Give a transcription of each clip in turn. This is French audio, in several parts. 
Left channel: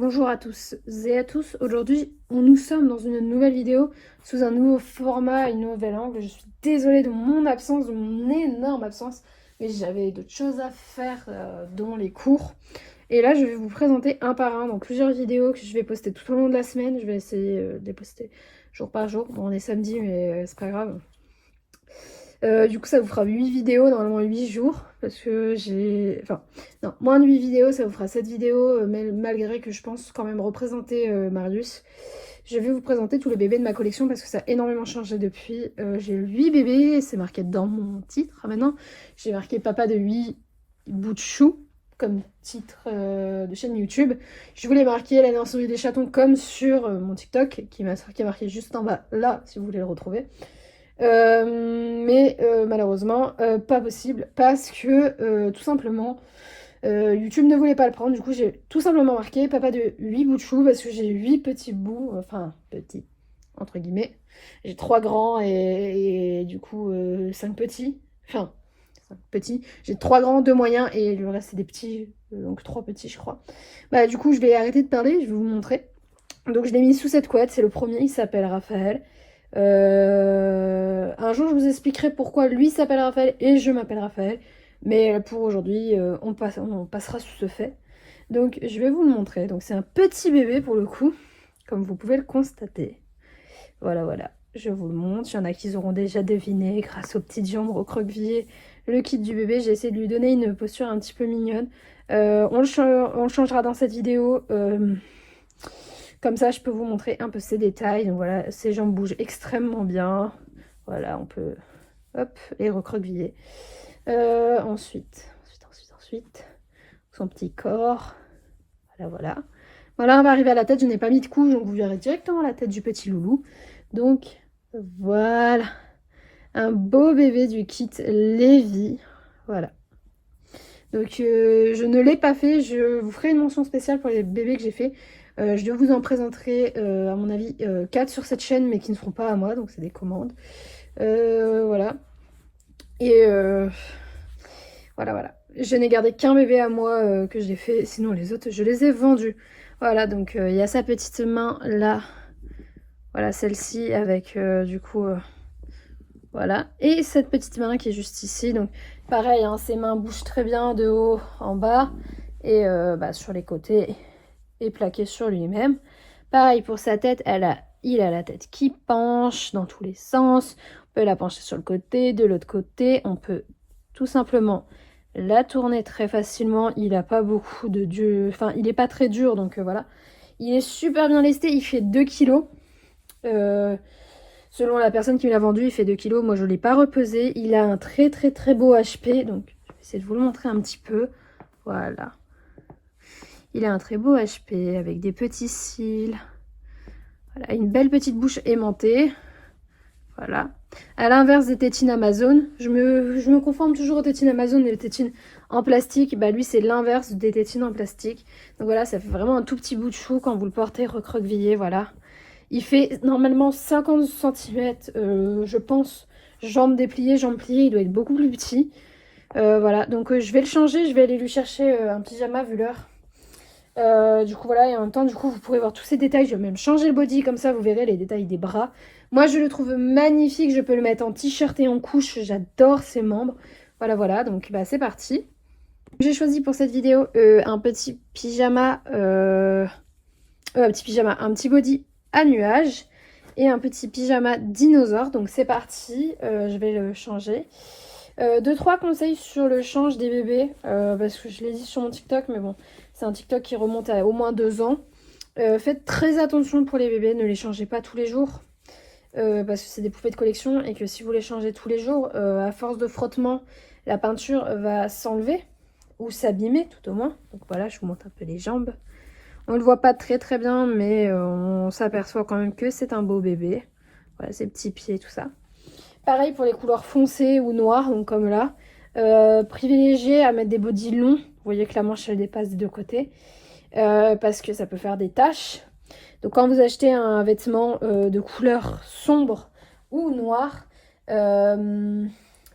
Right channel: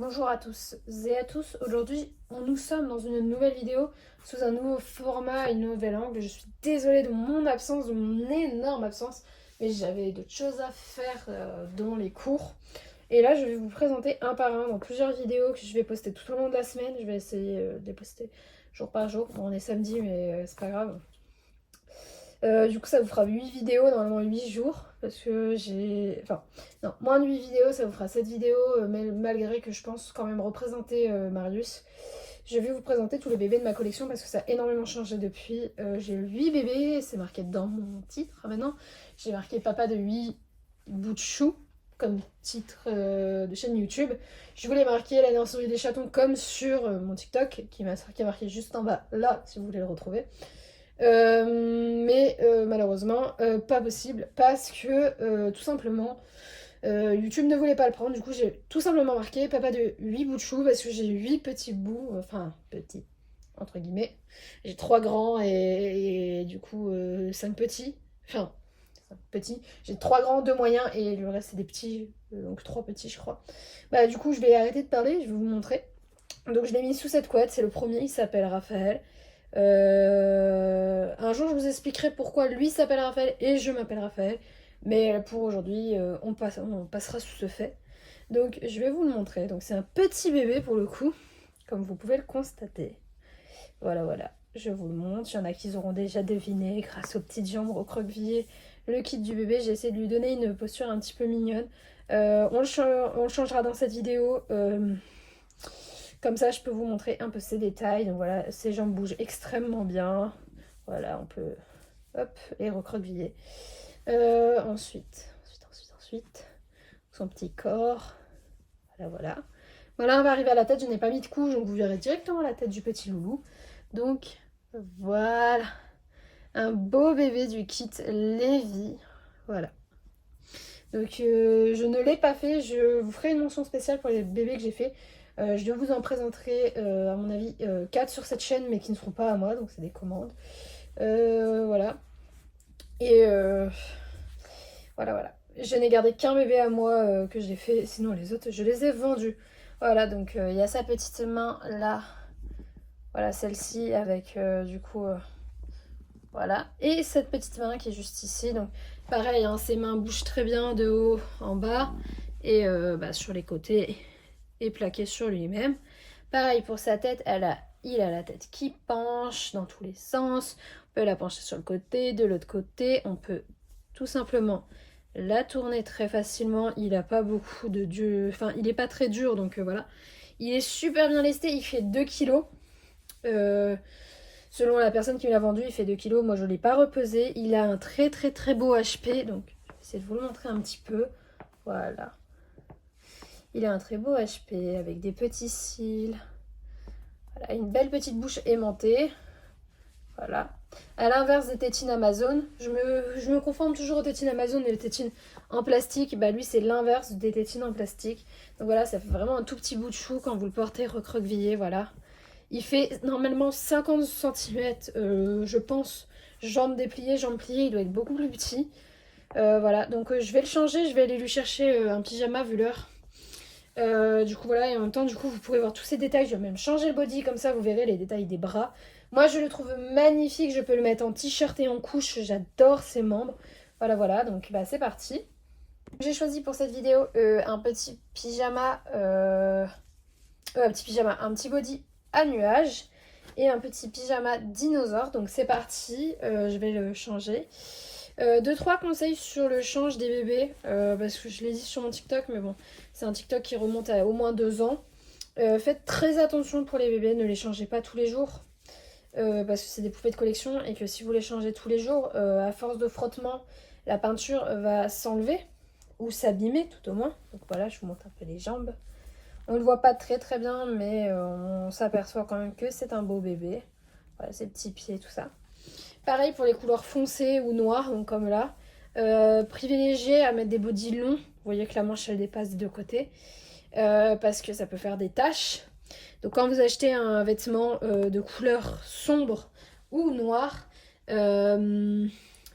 Bonjour à tous et à tous, aujourd'hui nous sommes dans une nouvelle vidéo sous un nouveau format et un nouvel angle. Je suis désolée de mon absence, de mon énorme absence, mais j'avais d'autres choses à faire dans les cours. Et là je vais vous présenter un par un dans plusieurs vidéos que je vais poster tout au long de la semaine. Je vais essayer de les poster jour par jour. Bon, on est samedi mais c'est pas grave. Du coup ça vous fera 8 vidéos, normalement 8 jours, parce que j'ai... Enfin, non, moins de 8 vidéos, ça vous fera 7 vidéos, mais malgré que je pense quand même représenter Marius. Je vais vous présenter tous les bébés de ma collection, parce que ça a énormément changé depuis. J'ai 8 bébés, c'est marqué dans mon titre maintenant. J'ai marqué papa de 8 bouts de chou, comme titre de chaîne YouTube. Je voulais marquer la naissance des chatons comme sur mon TikTok, qui est marqué juste en bas là, si vous voulez le retrouver. Mais malheureusement pas possible parce que tout simplement YouTube ne voulait pas le prendre. Du coup j'ai tout simplement marqué papa de 8 bouts de chou parce que j'ai 8 petits bouts, enfin petits entre guillemets. J'ai 3 grands et du coup 5 petits, enfin 5 petits. J'ai 3 grands, 2 moyens et le reste c'est des petits, donc 3 petits je crois. Bah du coup je vais arrêter de parler, je vais vous montrer. Donc je l'ai mis sous cette couette, c'est le premier, il s'appelle Raphaël. Un jour je vous expliquerai pourquoi lui s'appelle Raphaël et je m'appelle Raphaël. Mais pour aujourd'hui, on passera sous ce fait. Donc je vais vous le montrer. Donc c'est un petit bébé pour le coup, comme vous pouvez le constater. Voilà, voilà. Je vous le montre. Il y en a qui auront déjà deviné grâce aux petites jambes recroquevillées. Le kit du bébé, j'ai essayé de lui donner une posture un petit peu mignonne. On le changera dans cette vidéo. Comme ça, je peux vous montrer un peu ses détails. Donc voilà, ses jambes bougent extrêmement bien. Voilà, on peut, hop, les recroqueviller. Ensuite, son petit corps. Voilà, voilà. Voilà, on va arriver à la tête. Je n'ai pas mis de couche, donc vous verrez directement la tête du petit loulou. Donc, voilà. Un beau bébé du kit Lévi. Voilà. Donc, je ne l'ai pas fait. Je vous ferai une mention spéciale pour les bébés que j'ai fait. Je vous en présenterai, à mon avis, 4 sur cette chaîne, mais qui ne seront pas à moi, donc c'est des commandes. Voilà. Et voilà, voilà. Je n'ai gardé qu'un bébé à moi que j'ai fait, sinon les autres, je les ai vendus. Voilà, donc il y a sa petite main là. Voilà, celle-ci avec du coup... voilà. Et cette petite main qui est juste ici. Donc pareil, hein, ses mains bougent très bien de haut en bas. Et sur les côtés et plaqué sur lui-même. Pareil pour sa tête, il a la tête qui penche dans tous les sens. On peut la pencher sur le côté, de l'autre côté. On peut tout simplement la tourner très facilement. Il n'a pas beaucoup de dur. Enfin, il n'est pas très dur, donc voilà. Il est super bien lesté, il fait 2 kg. Selon la personne qui me l'a vendu, il fait 2 kg. Moi, je ne l'ai pas repesé. Il a un très très très beau HP. Donc, je vais essayer de vous le montrer un petit peu. Voilà. Il a un très beau HP avec des petits cils. Voilà, une belle petite bouche aimantée. Voilà. À l'inverse des tétines Amazon, je me conforme toujours aux tétines Amazon et les tétines en plastique. Bah lui, c'est l'inverse des tétines en plastique. Donc voilà, ça fait vraiment un tout petit bout de chou quand vous le portez recroquevillé. Voilà. Il fait normalement 50 cm, je pense, jambes dépliées, jambes pliées. Il doit être beaucoup plus petit. Voilà, donc je vais le changer. Je vais aller lui chercher un pyjama vu l'heure. Du coup voilà, et en même temps du coup vous pourrez voir tous ces détails. Je vais même changer le body, comme ça vous verrez les détails des bras. Moi je le trouve magnifique, je peux le mettre en t-shirt et en couche, j'adore ses membres. Voilà, voilà, donc bah, c'est parti. J'ai choisi pour cette vidéo un petit pyjama, un petit body à nuage et un petit pyjama dinosaure. Donc c'est parti, je vais le changer. 2-3 conseils sur le change des bébés, parce que je l'ai dit sur mon TikTok, mais bon, c'est un TikTok qui remonte à au moins 2 ans. Faites très attention pour les bébés, ne les changez pas tous les jours, parce que c'est des poupées de collection et que si vous les changez tous les jours, à force de frottement, la peinture va s'enlever ou s'abîmer tout au moins. Donc voilà, je vous montre un peu les jambes. On ne le voit pas très très bien, mais on s'aperçoit quand même que c'est un beau bébé. Voilà, ses petits pieds, tout ça. Pareil pour les couleurs foncées ou noires, donc comme là. Privilégiez à mettre des bodys longs. Vous voyez que la manche elle dépasse des deux côtés. Parce que ça peut faire des taches. Donc quand vous achetez un vêtement de couleur sombre ou noire,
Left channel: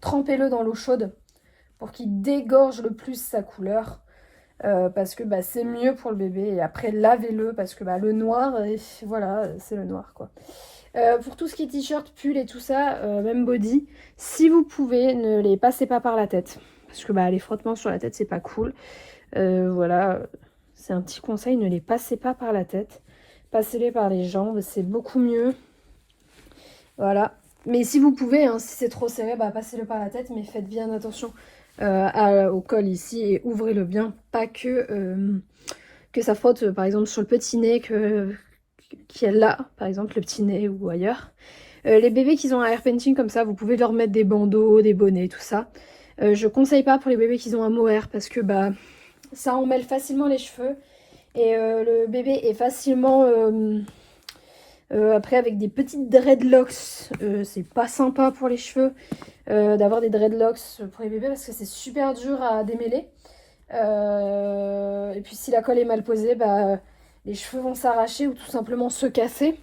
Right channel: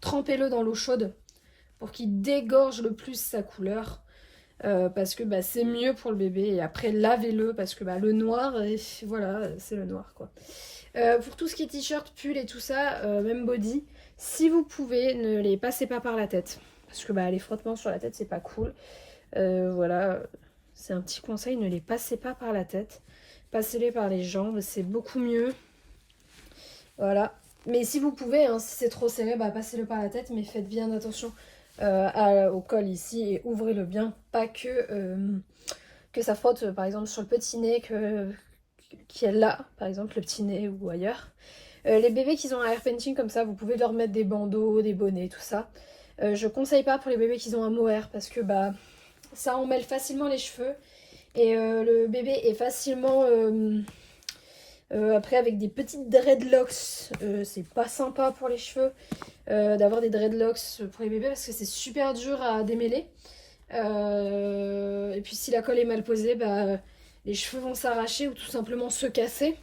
trempez-le dans l'eau chaude pour qu'il dégorge le plus sa couleur. parce que bah, c'est mieux pour le bébé. Et après, lavez-le parce que bah, le noir, voilà, c'est le noir quoi. Pour tout ce qui est t-shirt, pull et tout ça, même body, si vous pouvez, ne les passez pas par la tête. Parce que bah, les frottements sur la tête, c'est pas cool. Voilà, c'est un petit conseil, ne les passez pas par la tête. Passez-les par les jambes, c'est beaucoup mieux. Voilà. Mais si vous pouvez, hein, si c'est trop serré, bah, passez-le par la tête, mais faites bien attention au col ici et ouvrez-le bien. Pas que ça frotte, par exemple, sur le petit nez qui est là, par exemple, le petit nez ou ailleurs. Les bébés qui ont un hair painting comme ça, vous pouvez leur mettre des bandeaux, des bonnets, tout ça. Je conseille pas pour les bébés qui ont un mohair parce que bah, ça emmêle facilement les cheveux. Et le bébé est facilement... après avec des petites dreadlocks, c'est pas sympa pour les cheveux d'avoir des dreadlocks pour les bébés parce que c'est super dur à démêler. Et puis si la colle est mal posée, bah, les cheveux vont s'arracher ou tout simplement se casser.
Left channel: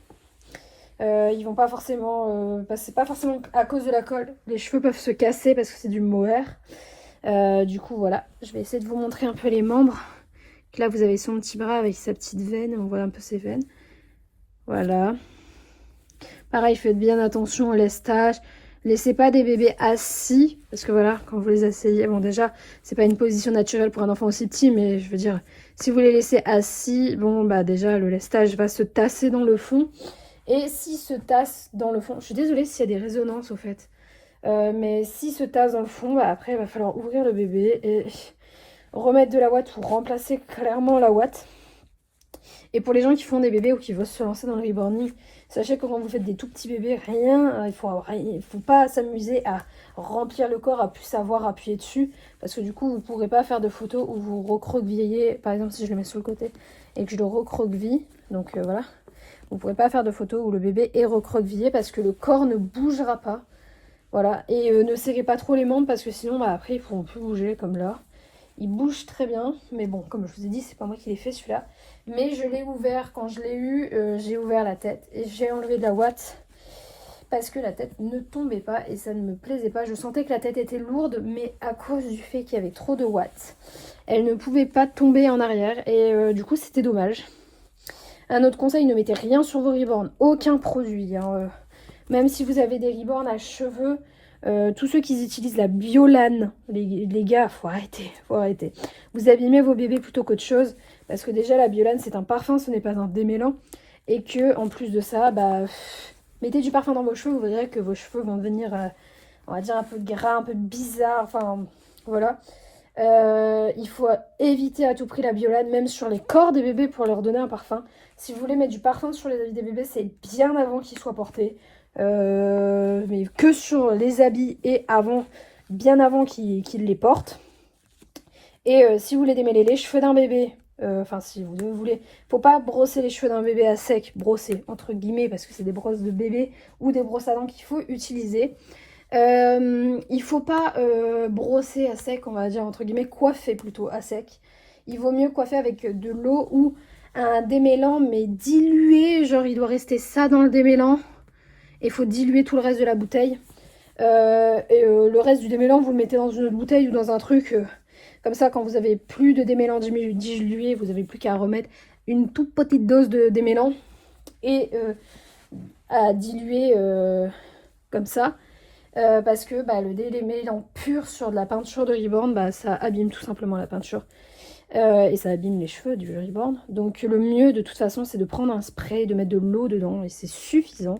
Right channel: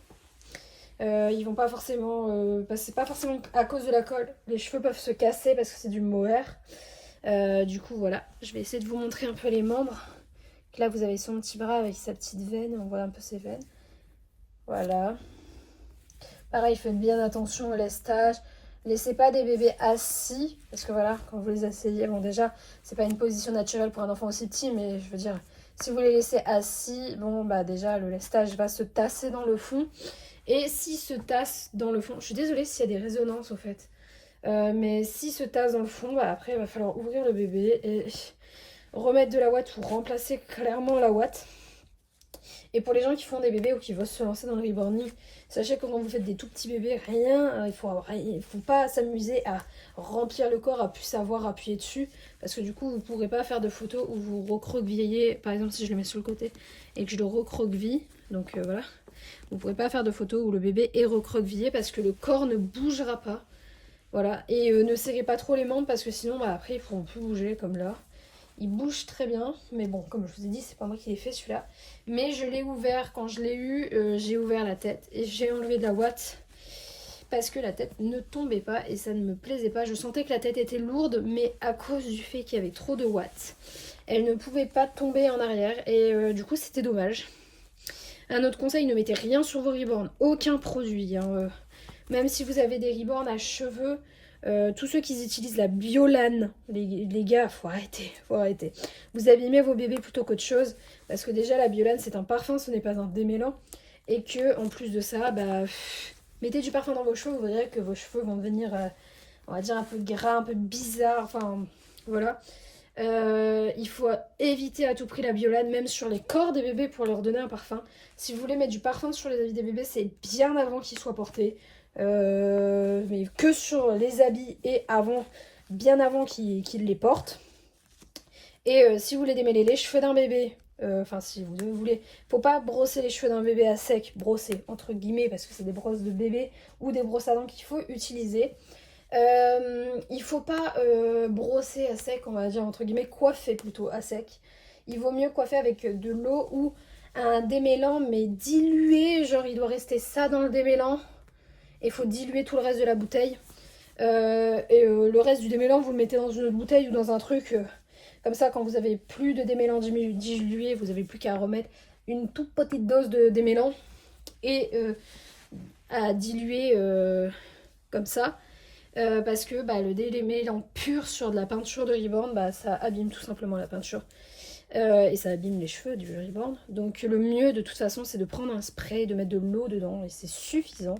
Ils vont pas forcément... c'est pas forcément à cause de la colle. Les cheveux peuvent se casser parce que c'est du mohair. Du coup voilà, je vais essayer de vous montrer un peu les membres. Là vous avez son petit bras avec sa petite veine, on voit un peu ses veines. Voilà. Pareil, faites bien attention au lestage. Laissez pas des bébés assis. Parce que voilà, quand vous les asseyez, bon déjà, c'est pas une position naturelle pour un enfant aussi petit. Mais je veux dire, si vous les laissez assis, bon bah déjà, le lestage va se tasser dans le fond. Et s'il se tasse dans le fond, je suis désolée s'il y a des résonances au fait. Mais s'il se tasse dans le fond, bah, après il va falloir ouvrir le bébé et remettre de la ouate pour remplacer clairement la ouate. Et pour les gens qui font des bébés ou qui veulent se lancer dans le reborning, sachez que quand vous faites des tout petits bébés, il faut pas s'amuser à remplir le corps, à plus savoir appuyer dessus. Parce que du coup, vous ne pourrez pas faire de photos où vous recroquevillez. Par exemple, si je le mets sur le côté et que je le recroqueville, donc voilà. Vous ne pourrez pas faire de photos où le bébé est recroquevillé parce que le corps ne bougera pas. Voilà. Et ne serrez pas trop les membres parce que sinon, bah, après, ils ne pourront plus bouger comme là. Il bouge très bien, mais bon, comme je vous ai dit, c'est pas moi qui l'ai fait celui-là. Mais je l'ai ouvert, quand je l'ai eu, j'ai ouvert la tête et j'ai enlevé de la ouate parce que la tête ne tombait pas et ça ne me plaisait pas. Je sentais que la tête était lourde, mais à cause du fait qu'il y avait trop de watts, elle ne pouvait pas tomber en arrière et du coup c'était dommage. Un autre conseil, ne mettez rien sur vos reborns, aucun produit, hein, même si vous avez des reborns à cheveux. Tous ceux qui utilisent la Biolane, les gars, faut arrêter, faut arrêter. Vous abîmez vos bébés plutôt qu'autre chose, parce que déjà la Biolane c'est un parfum, ce n'est pas un démêlant, et que en plus de ça, bah, mettez du parfum dans vos cheveux, vous verrez que vos cheveux vont devenir, on va dire un peu gras, un peu bizarre, enfin voilà. Il faut éviter à tout prix la Biolane, même sur les corps des bébés pour leur donner un parfum. Si vous voulez mettre du parfum sur les habits des bébés, c'est bien avant qu'ils soient portés. Mais que sur les habits et avant, bien avant qu'ils les portent. Et si vous voulez démêler les cheveux d'un bébé, enfin si vous voulez, faut pas brosser les cheveux d'un bébé à sec, brosser entre guillemets parce que c'est des brosses de bébé ou des brosses à dents qu'il faut utiliser. Il faut pas brosser à sec, on va dire entre guillemets, coiffer plutôt à sec. Il vaut mieux coiffer avec de l'eau ou un démêlant mais dilué, genre il doit rester ça dans le démêlant. Il faut diluer tout le reste de la bouteille. Le reste du démêlant, vous le mettez dans une bouteille ou dans un truc. Comme ça, quand vous avez plus de démêlant dilué, vous n'avez plus qu'à remettre une toute petite dose de démêlant et à diluer comme ça. Parce que bah, le démêlant pur sur de la peinture de Reborn, bah, ça abîme tout simplement la peinture. Et ça abîme les cheveux du Reborn. Donc le mieux de toute façon, c'est de prendre un spray, de mettre de l'eau dedans et c'est suffisant.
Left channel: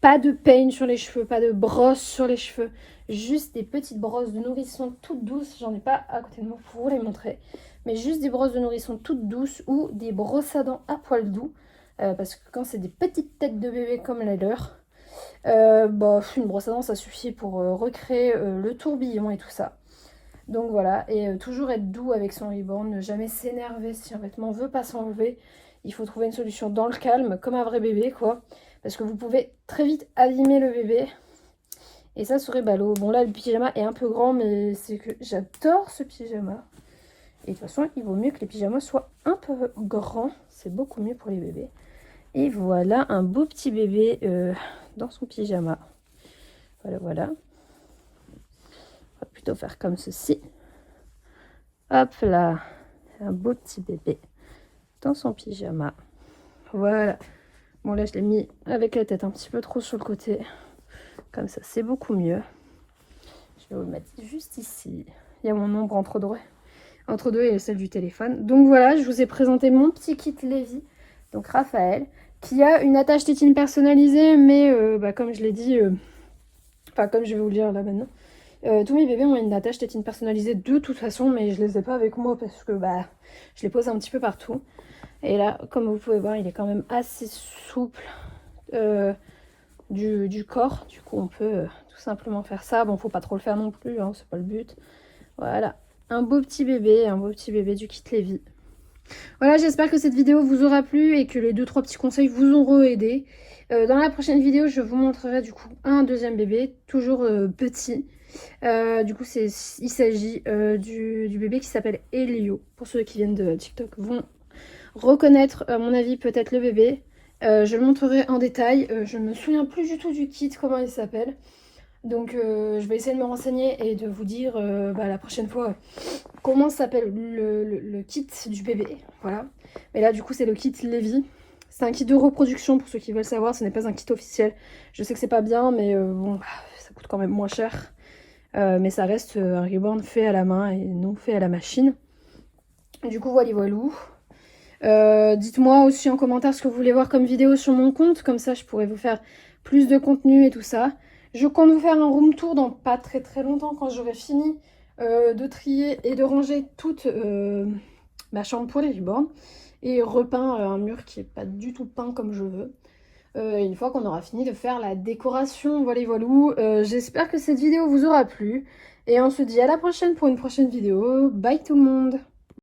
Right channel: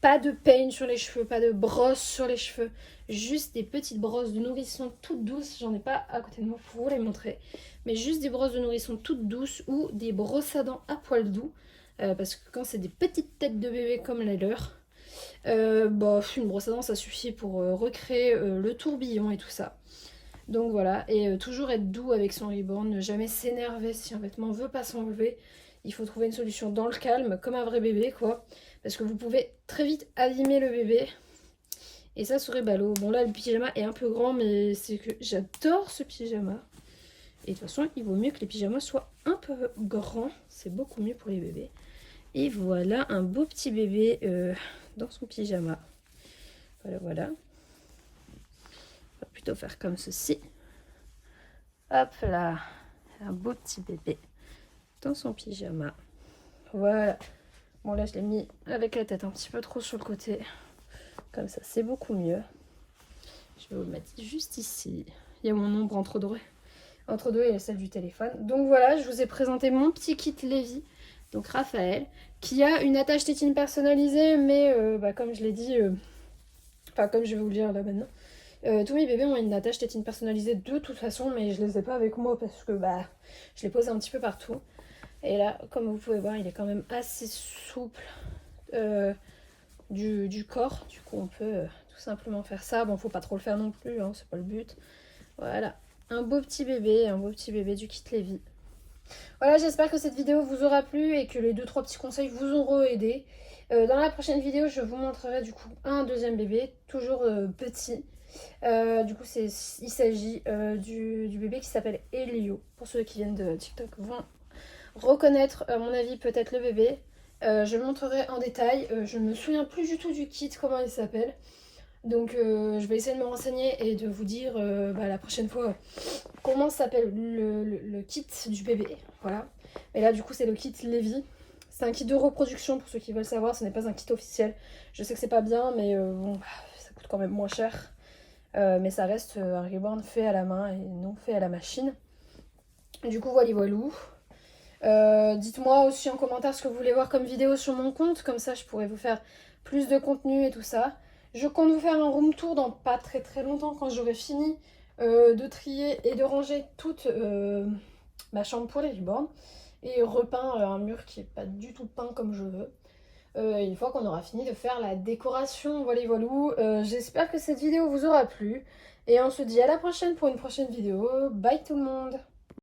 Pas de peigne sur les cheveux, pas de brosse sur les cheveux. Juste des petites brosses de nourrisson toutes douces. J'en ai pas à côté de moi pour vous les montrer. Mais juste des brosses de nourrisson toutes douces ou des brosses à dents à poil doux. Parce que quand c'est des petites têtes de bébé comme les leurs, une brosse à dents ça suffit pour recréer le tourbillon et tout ça. Donc voilà, et toujours être doux avec son Reborn, ne jamais s'énerver si un vêtement veut pas s'enlever. Il faut trouver une solution dans le calme, comme un vrai bébé quoi. Parce que vous pouvez très vite abîmer le bébé. Et ça serait ballot. Bon là le pyjama est un peu grand, mais c'est que j'adore ce pyjama. Et de toute façon il vaut mieux que les pyjamas soient un peu grands. C'est beaucoup mieux pour les bébés. Et voilà un beau petit bébé dans son pyjama. Voilà, voilà. On va plutôt faire comme ceci. Hop là. un beau petit bébé dans son pyjama. Voilà. Bon là je l'ai mis avec la tête un petit peu trop sur le côté. Comme ça c'est beaucoup mieux. Je vais vous le mettre juste ici. Il y a mon ombre entre deux et celle du téléphone. Donc voilà, je vous ai présenté mon petit kit Lévi. Donc Raphaël, qui a une attache tétine personnalisée, mais comme je l'ai dit, comme je vais vous le dire là maintenant, tous mes bébés ont une attache tétine personnalisée de toute façon, mais je les ai pas avec moi parce que je les pose un petit peu partout. Et là, comme vous pouvez voir, il est quand même assez souple du corps. Du coup, on peut tout simplement faire ça. Bon, faut pas trop le faire non plus, hein, c'est pas le but. Voilà, un beau petit bébé du kit Lévi. Voilà, j'espère que cette vidéo vous aura plu et que les 2-3 petits conseils vous auront aidé. Dans la prochaine vidéo, je vous montrerai du coup un deuxième bébé, toujours petit. Du coup, il s'agit du bébé qui s'appelle Elio. Pour ceux qui viennent de TikTok vont reconnaître, à mon avis, peut-être le bébé. Je le montrerai en détail. Je ne me souviens plus du tout du kit, comment il s'appelle. Donc je vais essayer de me renseigner et de vous dire la prochaine fois comment s'appelle le kit du bébé. Voilà. Mais là du coup c'est le kit Lévi. C'est un kit de reproduction pour ceux qui veulent savoir, ce n'est pas un kit officiel. Je sais que c'est pas bien mais ça coûte quand même moins cher. Mais ça reste un reborn fait à la main et non fait à la machine. Et du coup voilà. Dites-moi aussi en commentaire ce que vous voulez voir comme vidéo sur mon compte, comme ça je pourrais vous faire plus de contenu et tout ça. Je compte vous faire un room tour dans pas très longtemps quand j'aurai fini de trier et de ranger toute ma chambre pour les reborn et repeint un mur qui est pas du tout peint comme je veux. Une fois qu'on aura fini de faire la décoration, voilà. J'espère que cette vidéo vous aura plu et on se dit à la prochaine pour une prochaine vidéo. Bye tout le monde!